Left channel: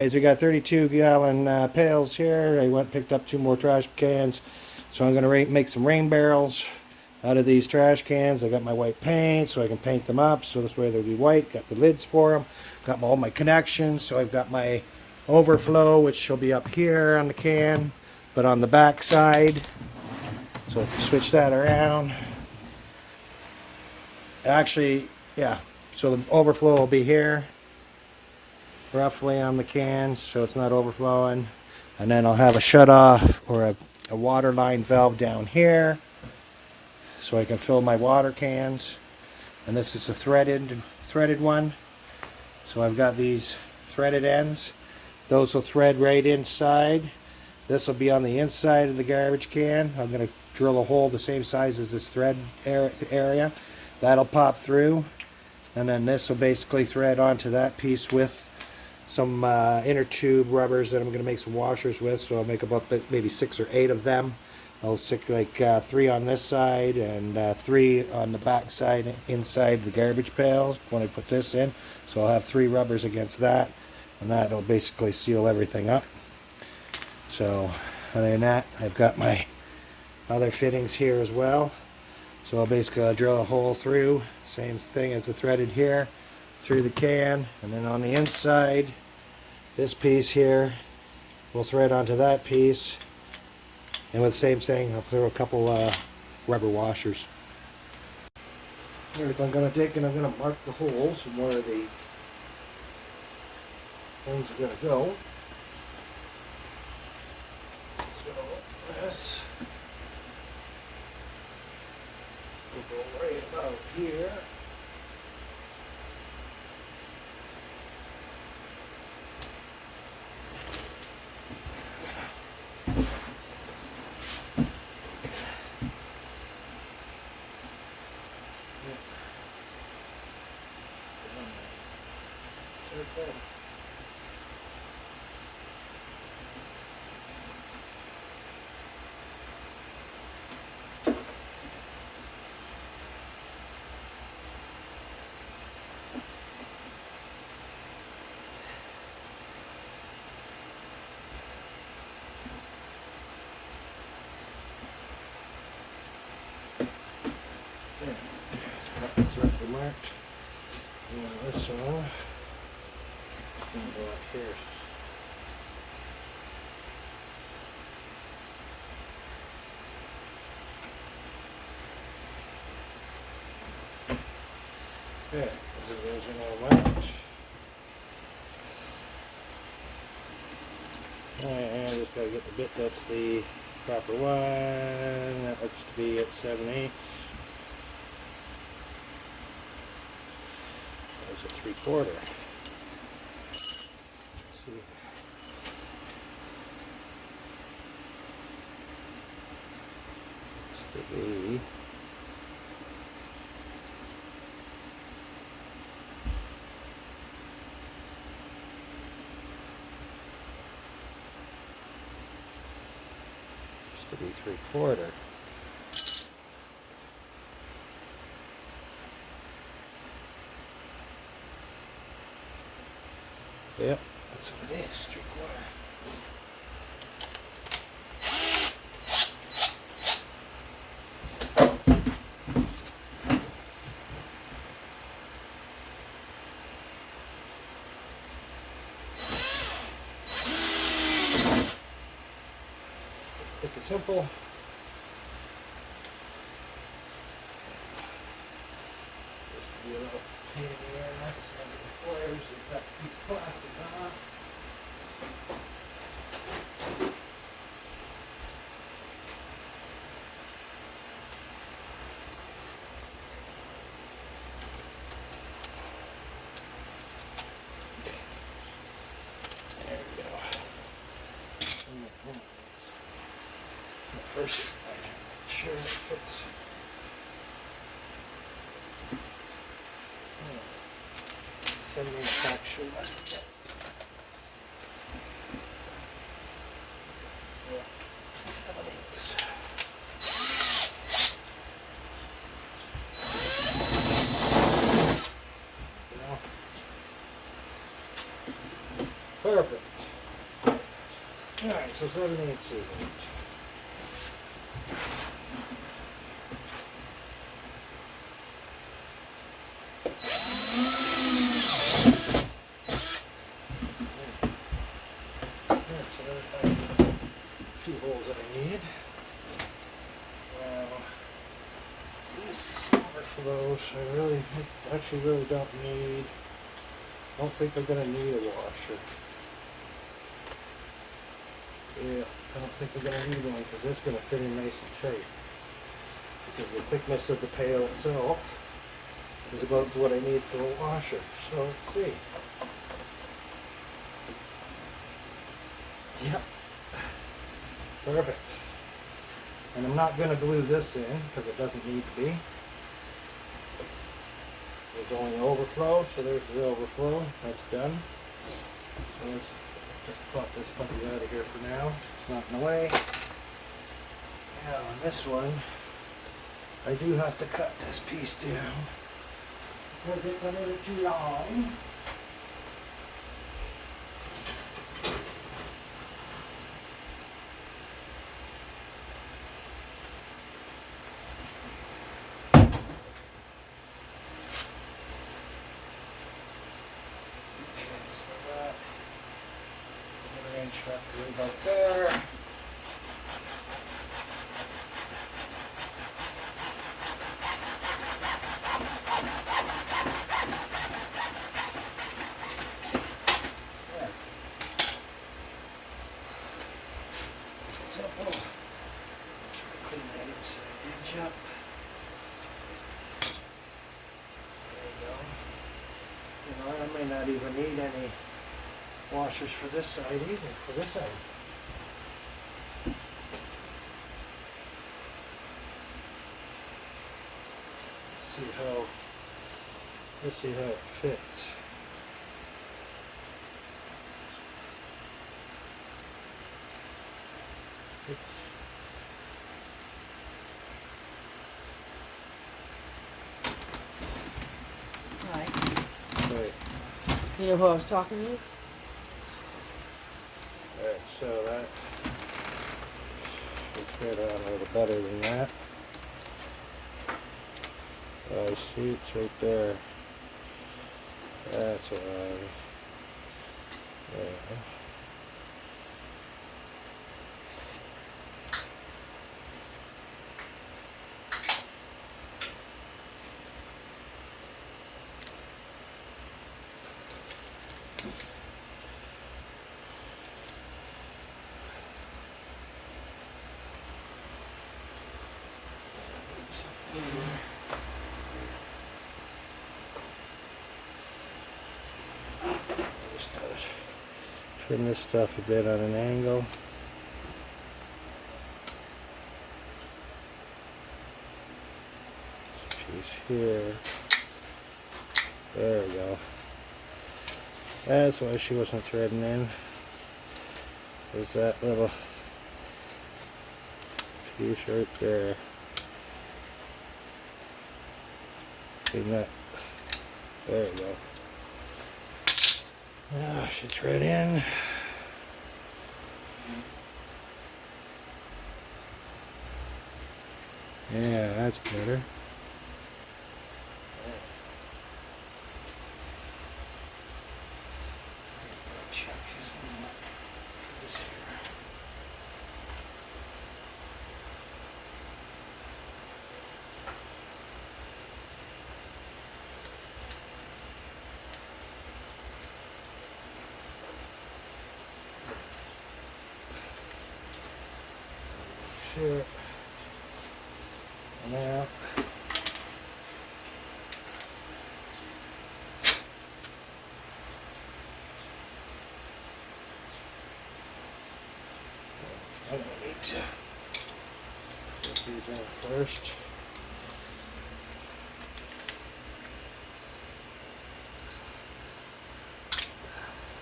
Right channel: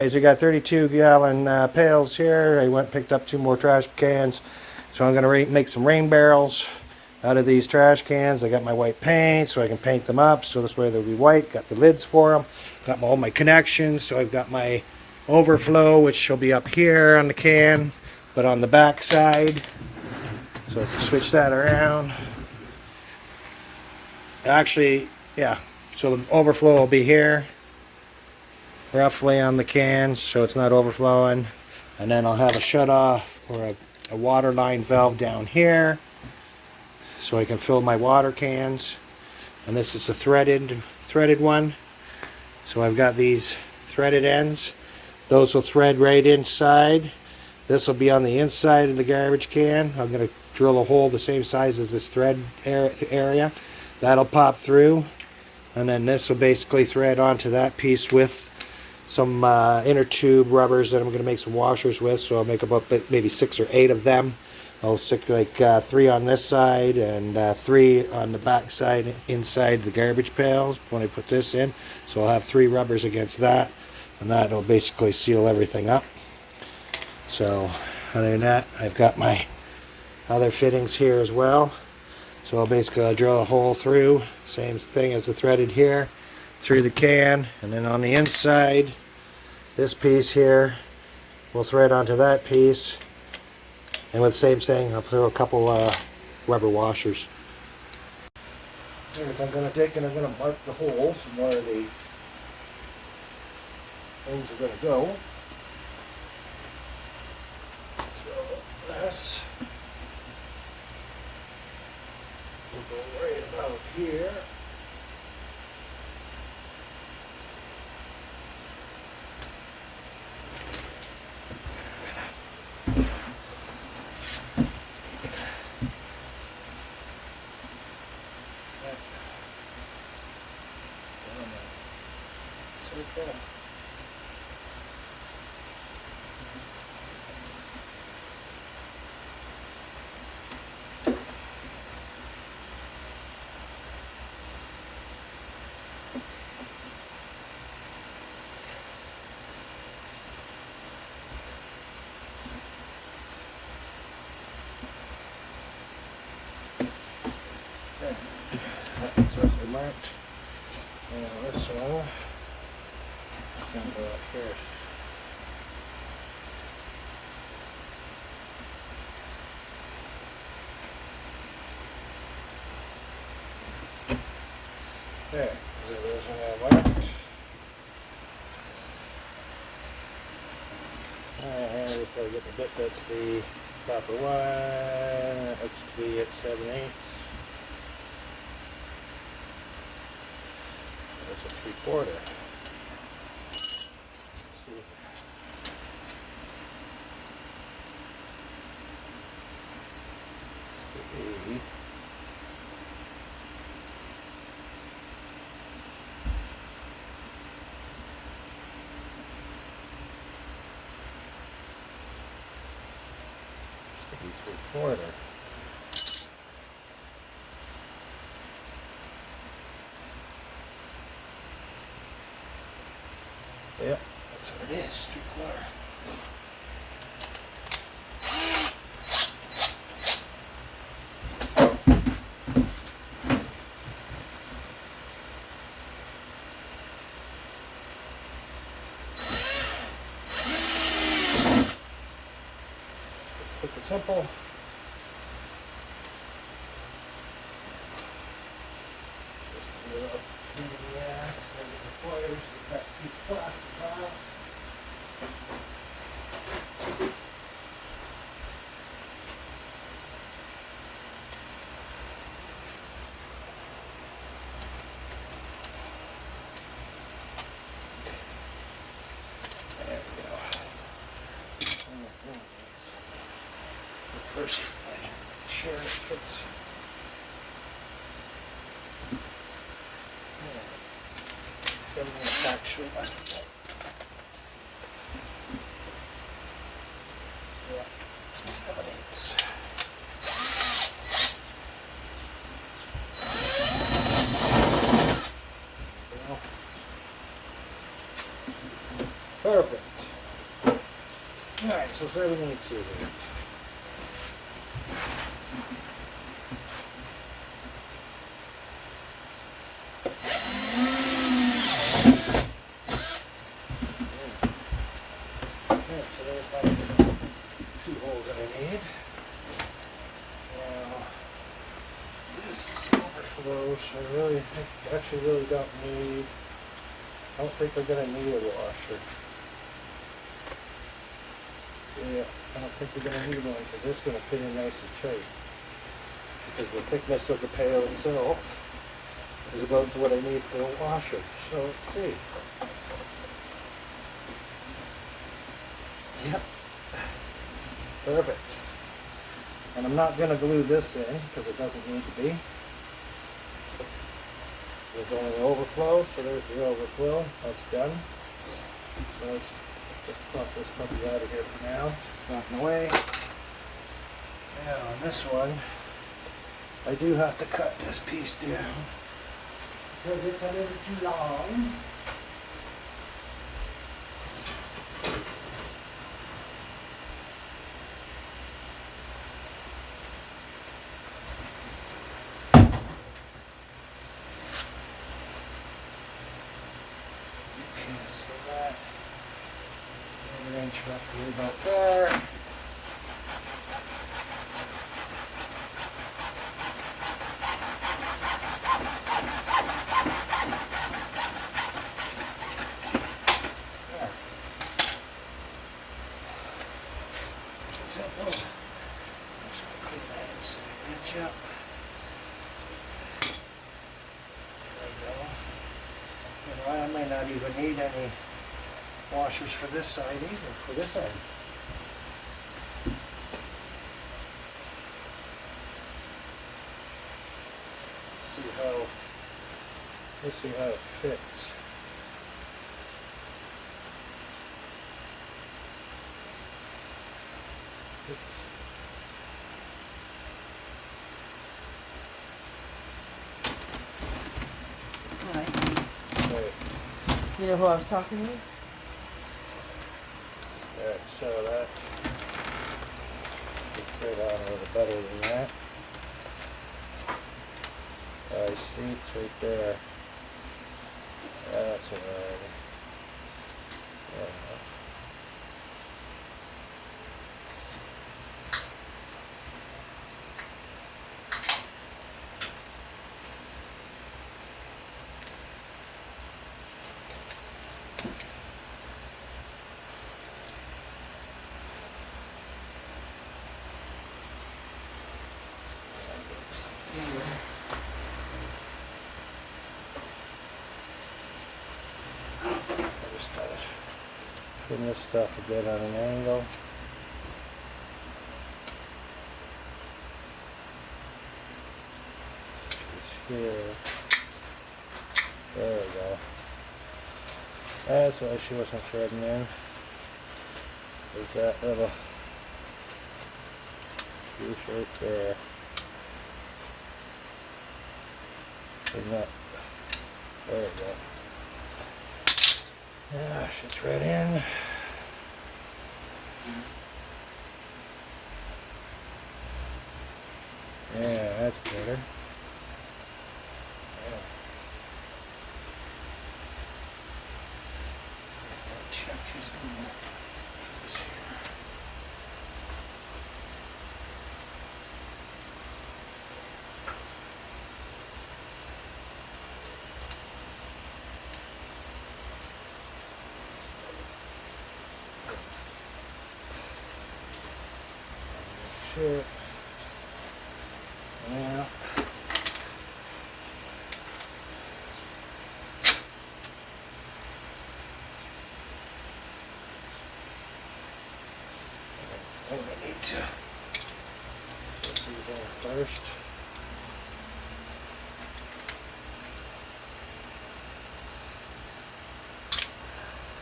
Guys, I got 32-gallon pails here. I went and picked up 2 more trash cans. So I'm going to make some rain barrels out of these trash cans. I got my white paint so I can paint them up so this way they'll be white. Got the lids for them. Got all my connections. So I've got my overflow, which will be up here on the can, but on the back side. So let's switch that around. Actually, yeah. So the overflow will be here, roughly on the can, so it's not overflowing. And then I'll have a shut off or a water line valve down here so I can fill my water cans. And this is a threaded one. So I've got these threaded ends. Those will thread right inside. This will be on the inside of the garbage can. I'm going to drill a hole the same size as this thread area. That'll pop through. And then this will basically thread onto that piece with some inner tube rubbers that I'm going to make some washers with. So I'll make about maybe 6 or 8 of them. I'll stick like 3 on this side and 3 on the back side inside the garbage pails when I put this in. So I'll have 3 rubbers against that, and that'll basically seal everything up. So other than that, I've got my other fittings here as well. So I'll basically drill a hole through, same thing as the threaded here, through the can, and then on the inside, this piece here will thread onto that piece, and with the same thing, I'll put a couple rubber washers. Alright, so I'm going to take and I'm going to mark the holes and where the things are going to go. So this will go right about here. Circle. That's roughly marked. Now this one is going to go up first. Okay, those are now marked. And just got to get the bit that's the proper one. That looks to be at 7/8. That's a 3/4. Be 3/4. Yep, that's what it is, 3/4. Quick and simple. This can be a little pain in the ass. Under the coils, you've got a piece of plastic off. There we go. First, I should make sure it fits. Some manufacturer left. Yeah, 7/8. All Perfect. Alright, so it's everything it's seasoned. So there's my 2 holes that I need. Now, this is overflow, so I actually really don't need, I don't think we're going to need a washer. Yeah, I don't think we're going to need one because it's going to fit in nice and tight. Because the thickness of the pail itself is about what I need for a washer. So let's see. Yep. Perfect. And I'm not going to glue this in because it doesn't need to be. There's only the overflow, so there's the overflow. That's done. Let's pop this puppy out of here for now. It's not in the way. Now on this one, I do have to cut this piece down because it's a little too long. Roughly about there. Simple. Actually, clean that inside edge up. There we go. You know, I might not even need any washers for this side either, for this side. Let's see how it fits. Hi. Right. You know who I was talking to? Alright, so that should fit on a little better than that. I see it's right there. That's alright. There we go. Just gotta trim this stuff a bit on an angle. This piece here. There we go. That's why she wasn't threading in. Is that little piece right there. Clean that. There we go. Yeah, should thread in. Yeah, that's better. Check his here. Sure. Now, I'm going to need to put these in first.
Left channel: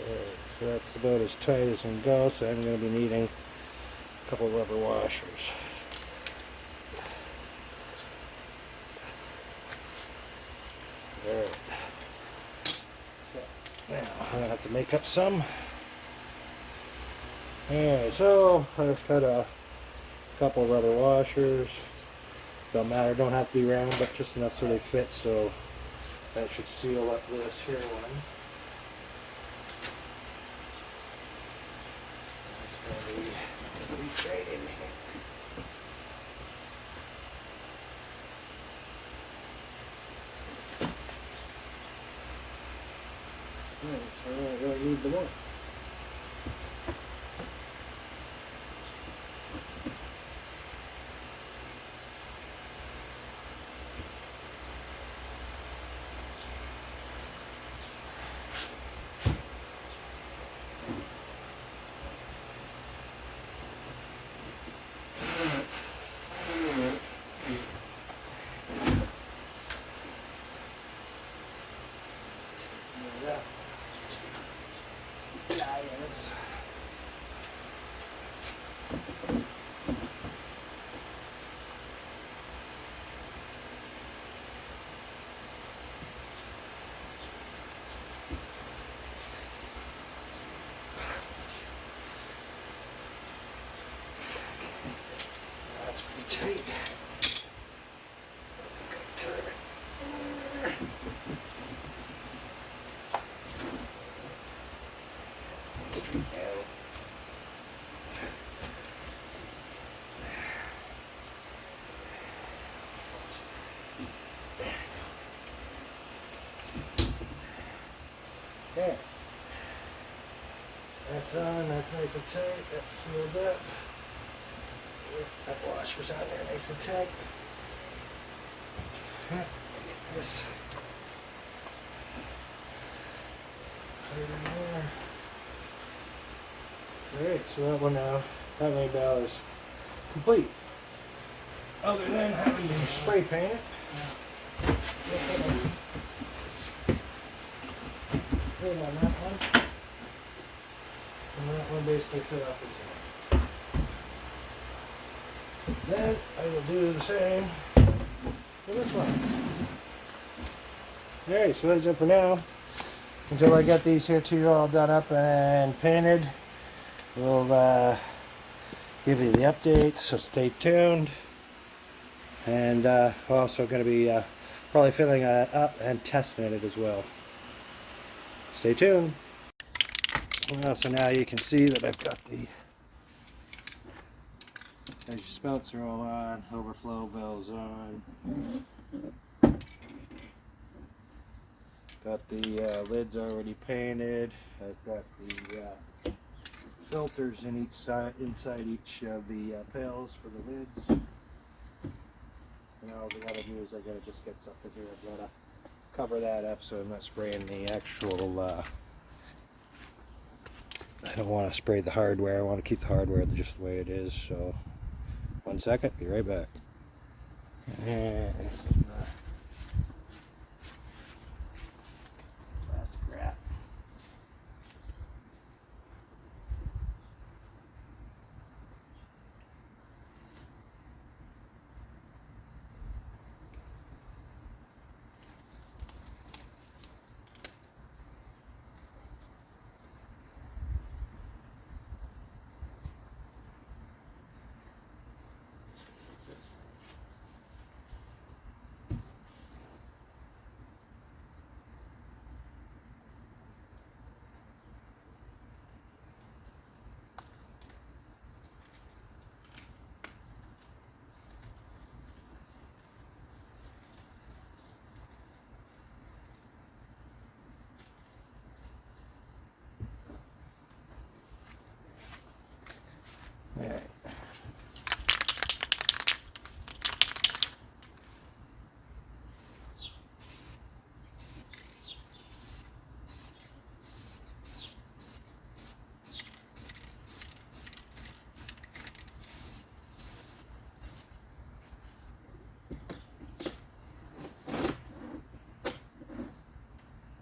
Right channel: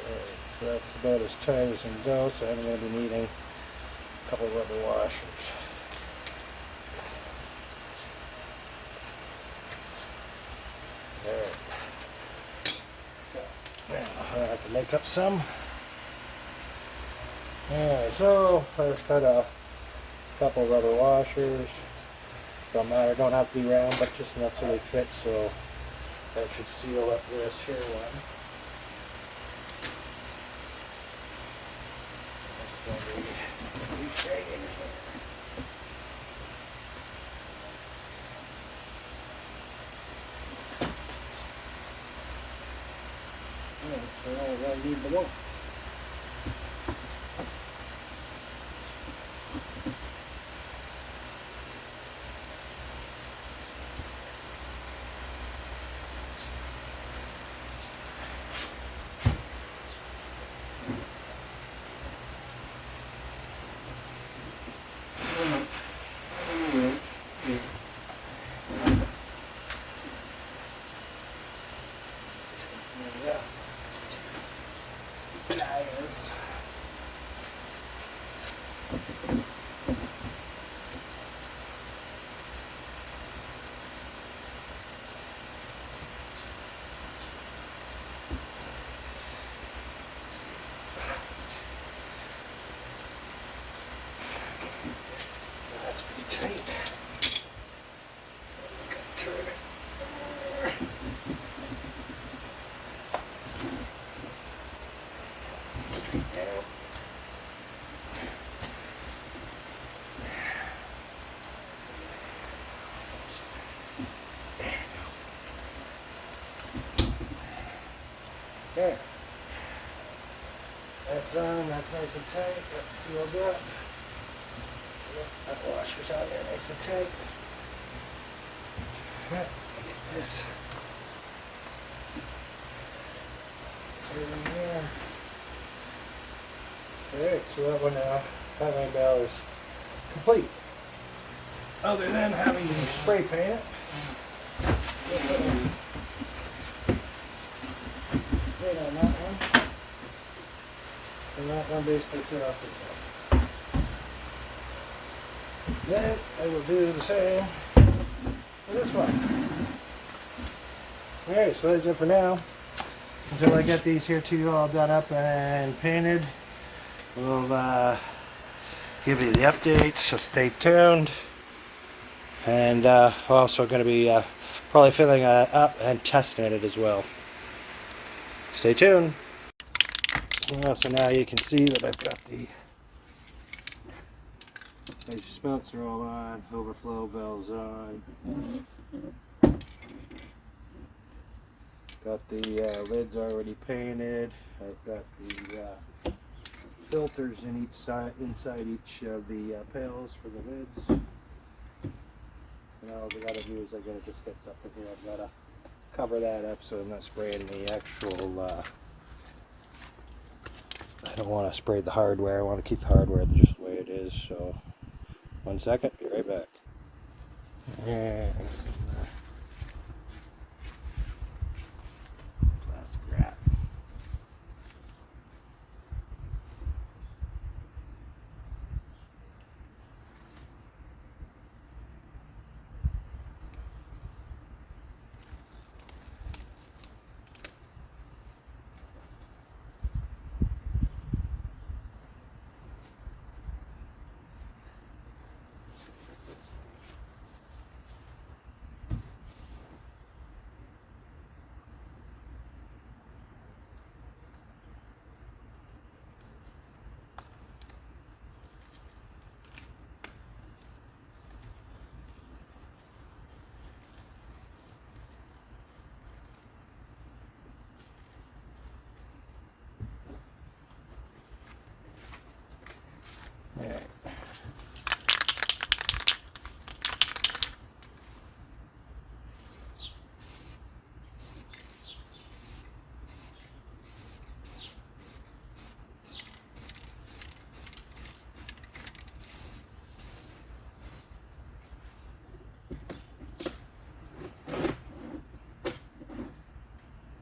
Okay, so that's about as tight as it can go, so I'm going to be needing a couple of rubber washers. There. So, now I have to make up some. Alright, so I've cut a couple rubber washers. Don't matter, don't have to be round, but just enough so they fit, so that should seal up this here one. It's going to be reach right in here. So I need the one. That's pretty tight. Just gotta turn it. Straighten that out. Okay. That's on, that's nice and tight, that's sealed up. That washer's out there nice and tight. Get this. Put it in there. Alright, so that one now, that light bell is complete. Other than having to spray paint it. Paint on that one. And that one basically fit off the side. Then I will do the same for this one. Alright, so that's it for now. Until I get these here two all done up and painted, we'll give you the update, so stay tuned. And we're also going to be probably filling up and testing it as well. Stay tuned. Well, so now you can see that I've got the spouts are all on, overflow valves on. Got the lids already painted. I've got the filters in each side, inside each of the pails for the lids. And all we gotta do is I gotta just get something here. I've gotta cover that up so I'm not spraying the actual. I don't want to spray the hardware. I want to keep the hardware just the way it is. So, 1 second. Be right back. Plastic wrap. All right.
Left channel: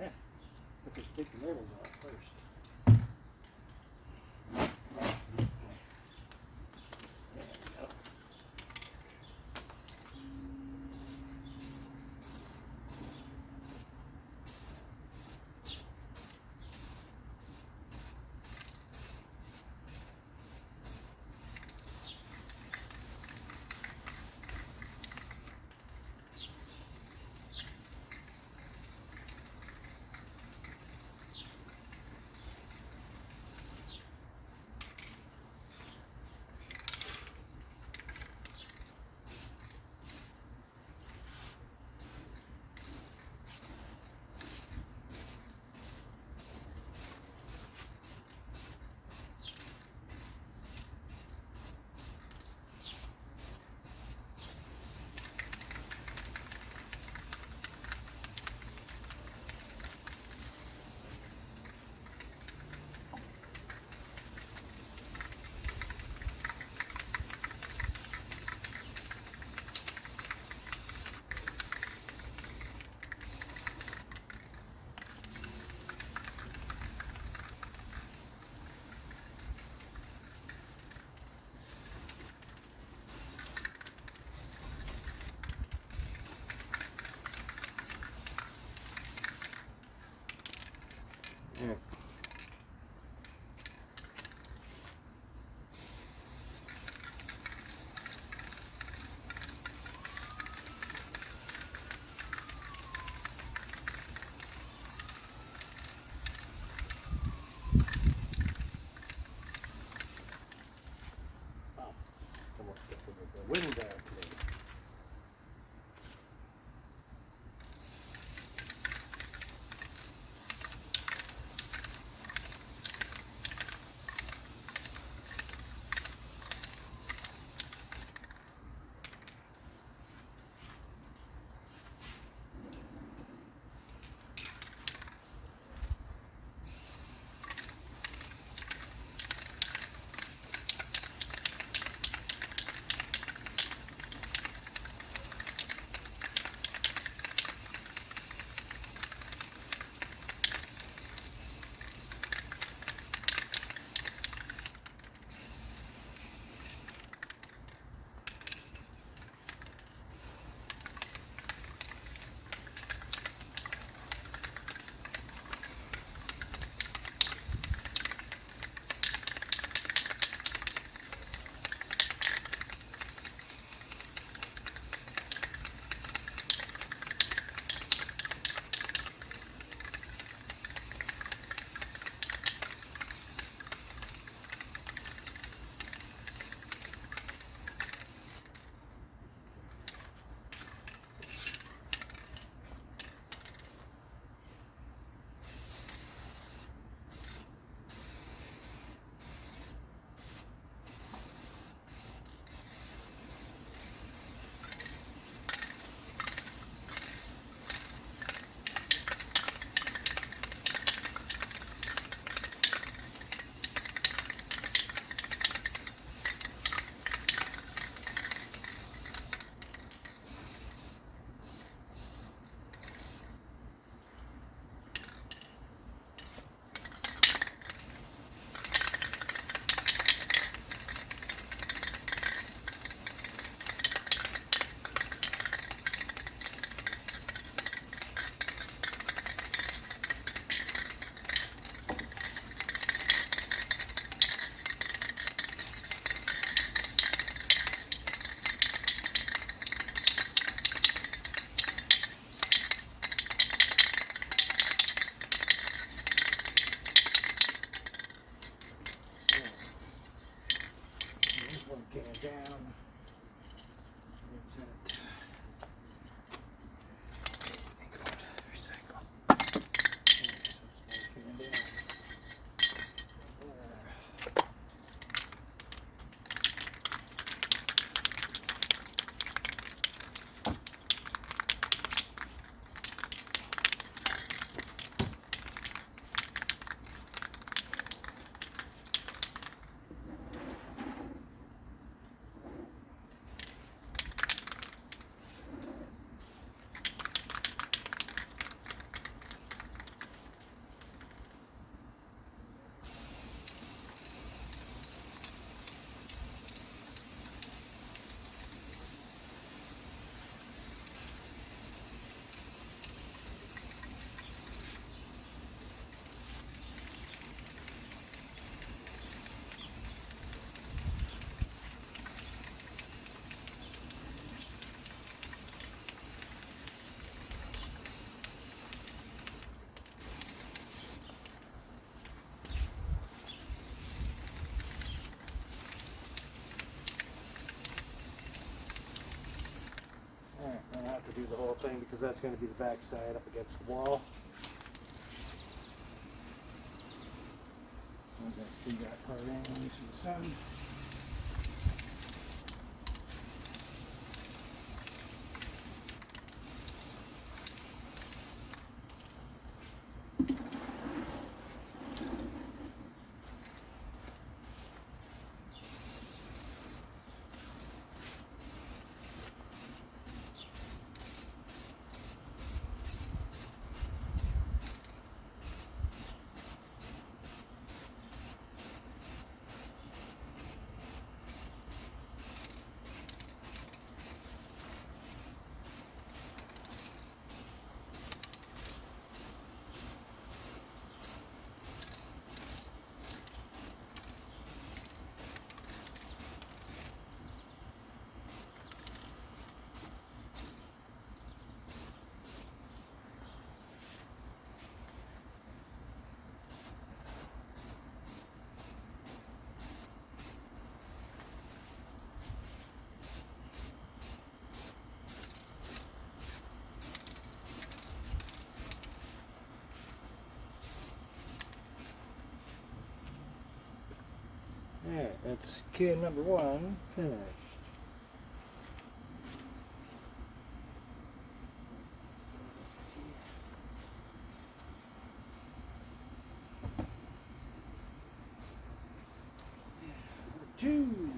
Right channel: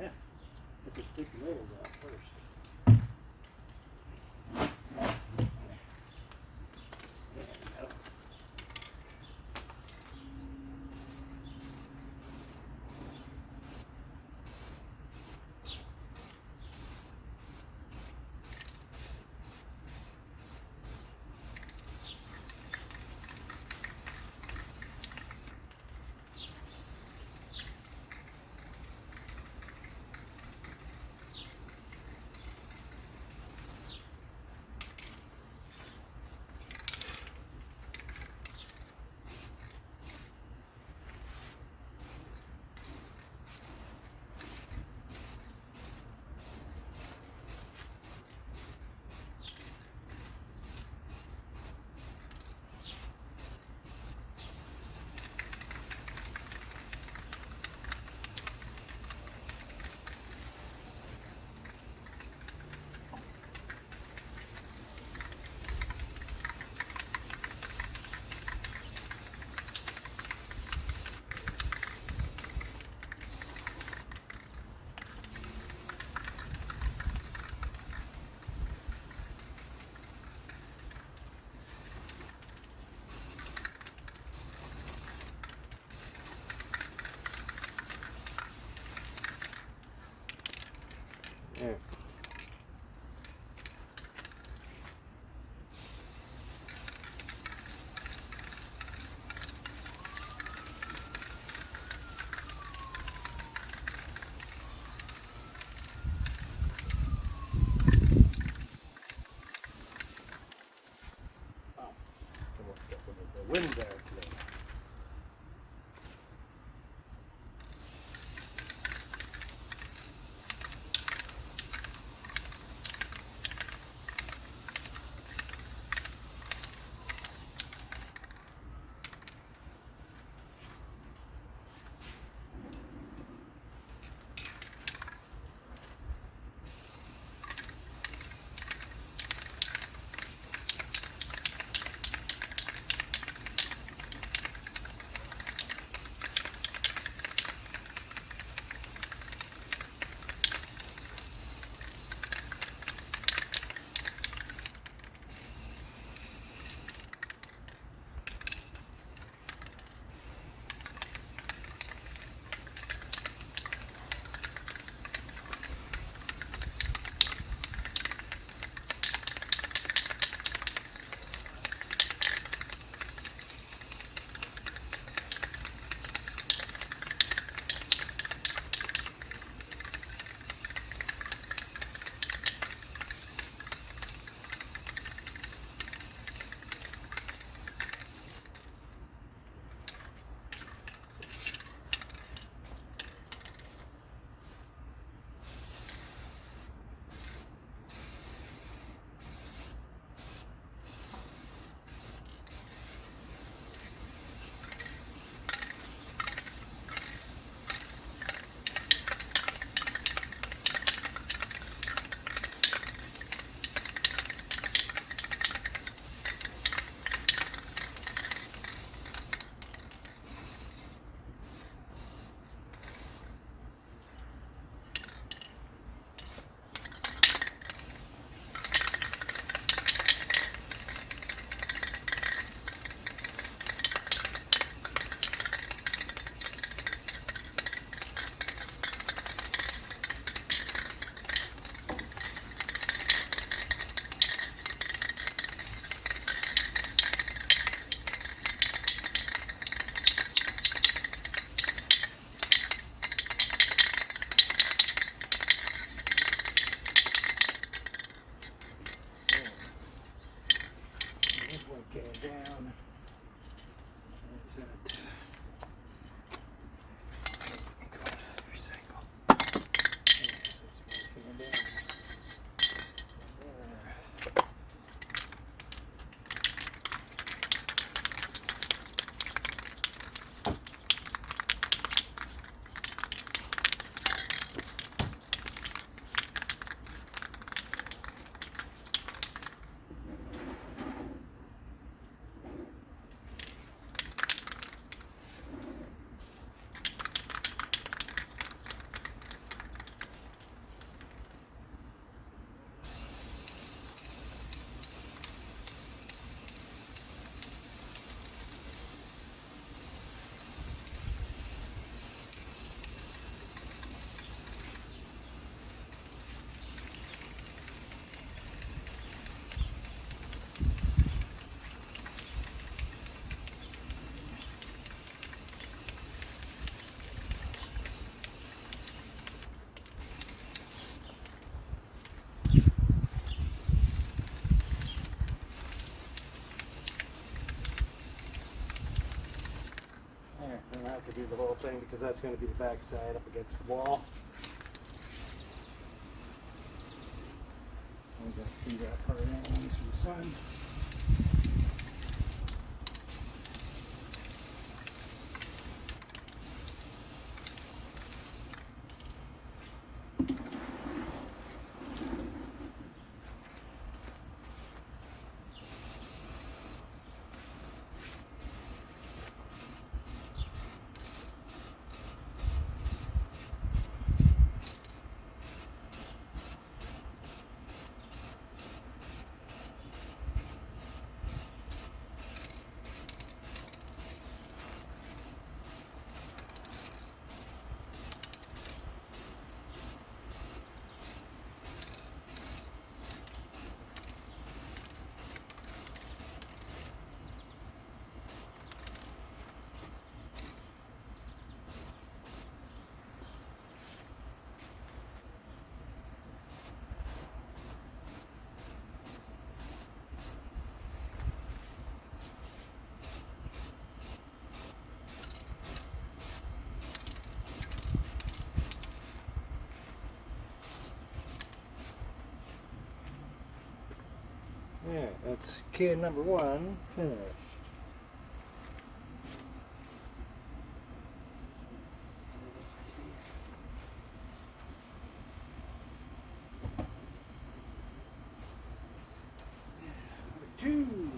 Yeah, let's just take the labels off first. down. I don't have to do the whole thing because that's going to be the back side up against the wall. I'm going to see that part anyways for the sun. Alright, that's can number one finished. Number two.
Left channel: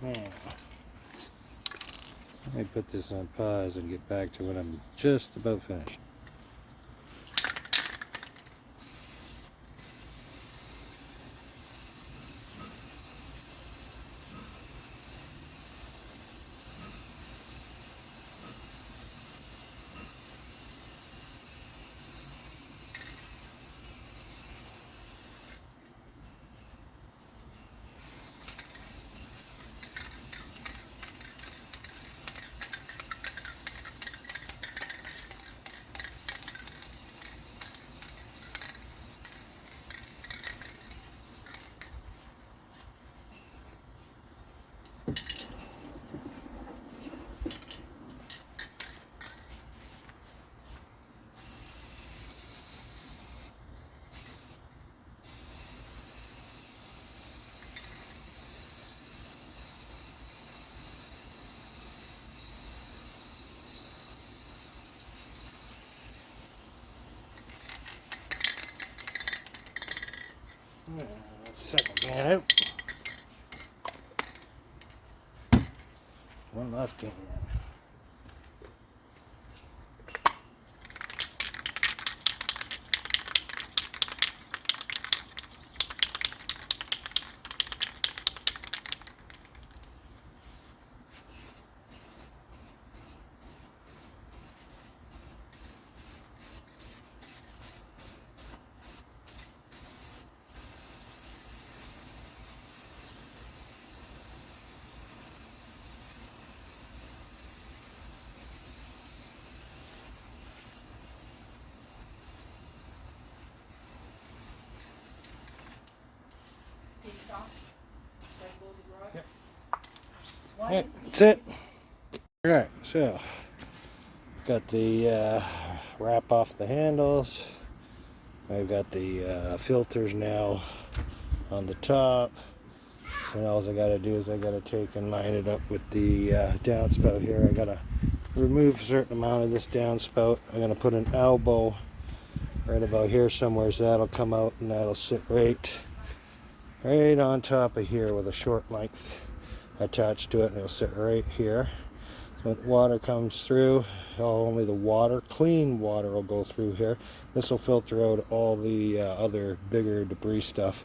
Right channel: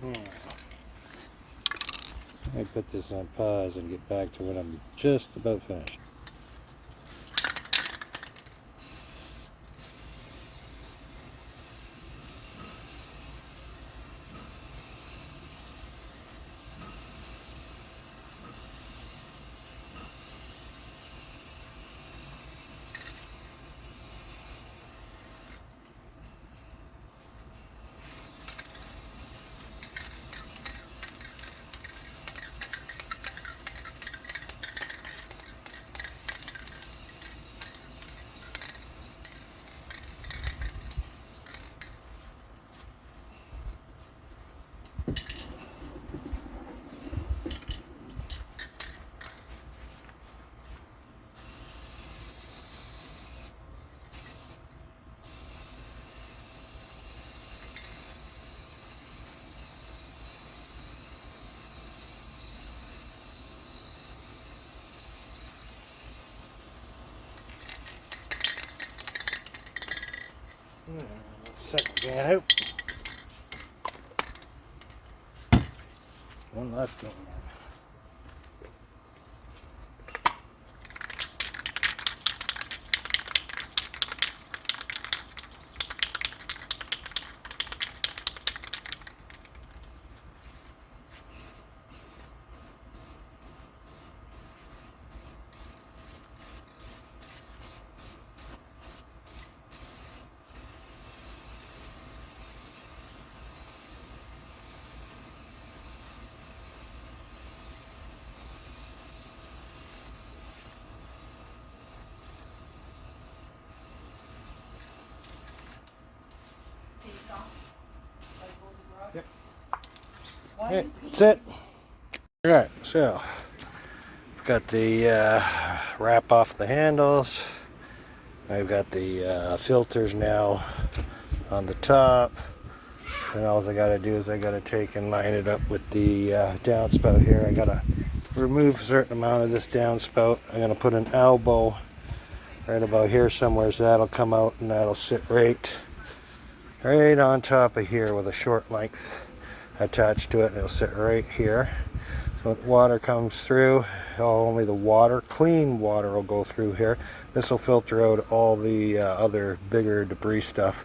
Yeah. Let me put this on pause and get back to when I'm just about finished. Second can out. One last can. Yep. Alright, that's it. Alright, so I've got the wrap off the handles. I've got the filters now on the top. So now all I gotta do is I gotta take and line it up with the downspout here. I gotta remove a certain amount of this downspout. I'm gonna put an elbow right about here somewhere, so that'll come out and that'll sit right on top of here with a short length attached to it, and it'll sit right here. So when water comes through, only the water, clean water, will go through here. This will filter out all the other bigger debris stuff,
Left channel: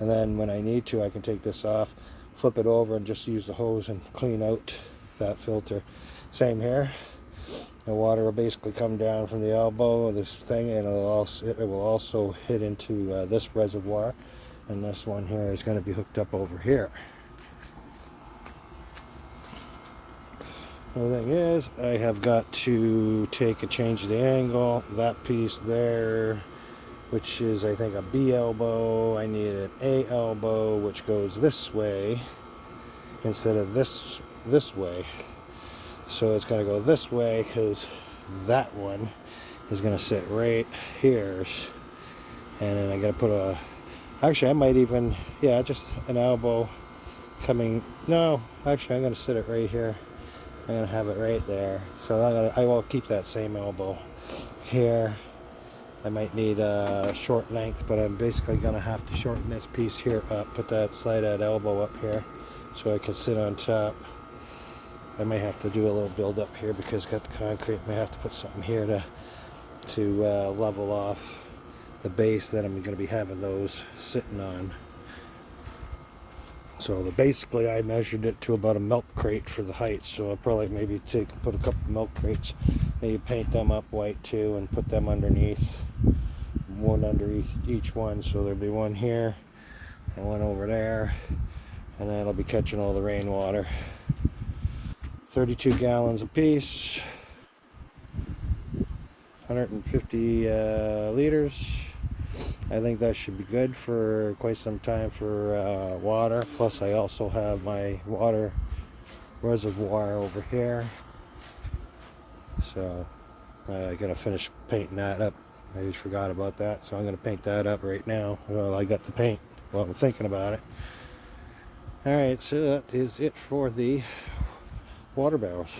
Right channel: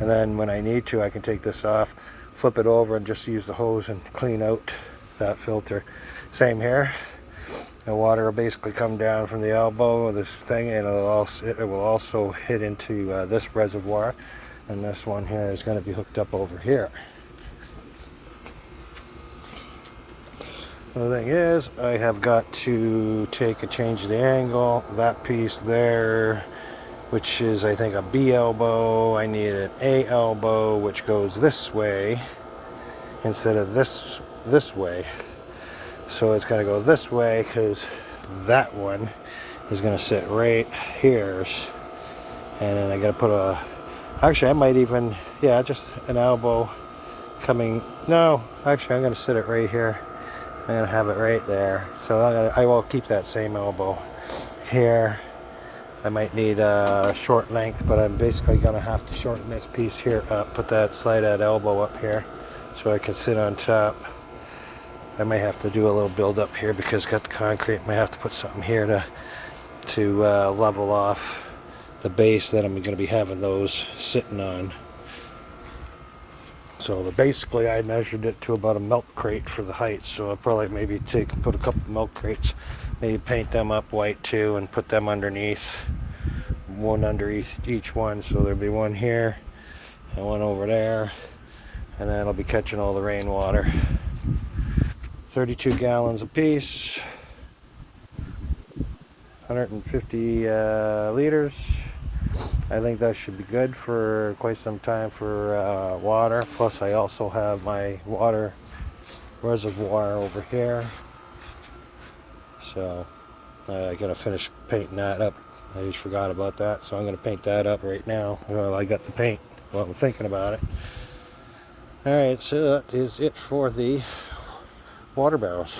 and then when I need to, I can take this off, flip it over, and just use the hose and clean out that filter. Same here. The water will basically come down from the elbow of this thing, and it will also hit into this reservoir, and this one here is going to be hooked up over here. The thing is, I have got to change the angle. That piece there, which is I think a B elbow, I need an A elbow, which goes this way instead of this way. So it's going to go this way because that one is going to sit right here. And then I got to put actually I might even, yeah, just an elbow coming, no, actually I'm going to sit it right here. I'm going to have it right there. So I will keep that same elbow here. I might need a short length, but I'm basically going to have to shorten this piece here up, slide that elbow up here so I can sit on top. I may have to do a little build up here because I got the concrete. I might have to put something here to level off the base that I'm going to be having those sitting on. So basically I measured it to about a milk crate for the height, so I'll probably maybe put a couple milk crates, maybe paint them up white too and put them underneath, one under each one, so there'll be one here and one over there, and then it'll be catching all the rainwater. 32 gallons a piece, 150 liters. I think that should be good for quite some time for water. Plus I also have my water reservoir over here. So I gotta finish painting that up. I just forgot about that. So I'm gonna paint that up right now. Well, I got the paint while I'm thinking about it. Alright, so that is it for the water barrels.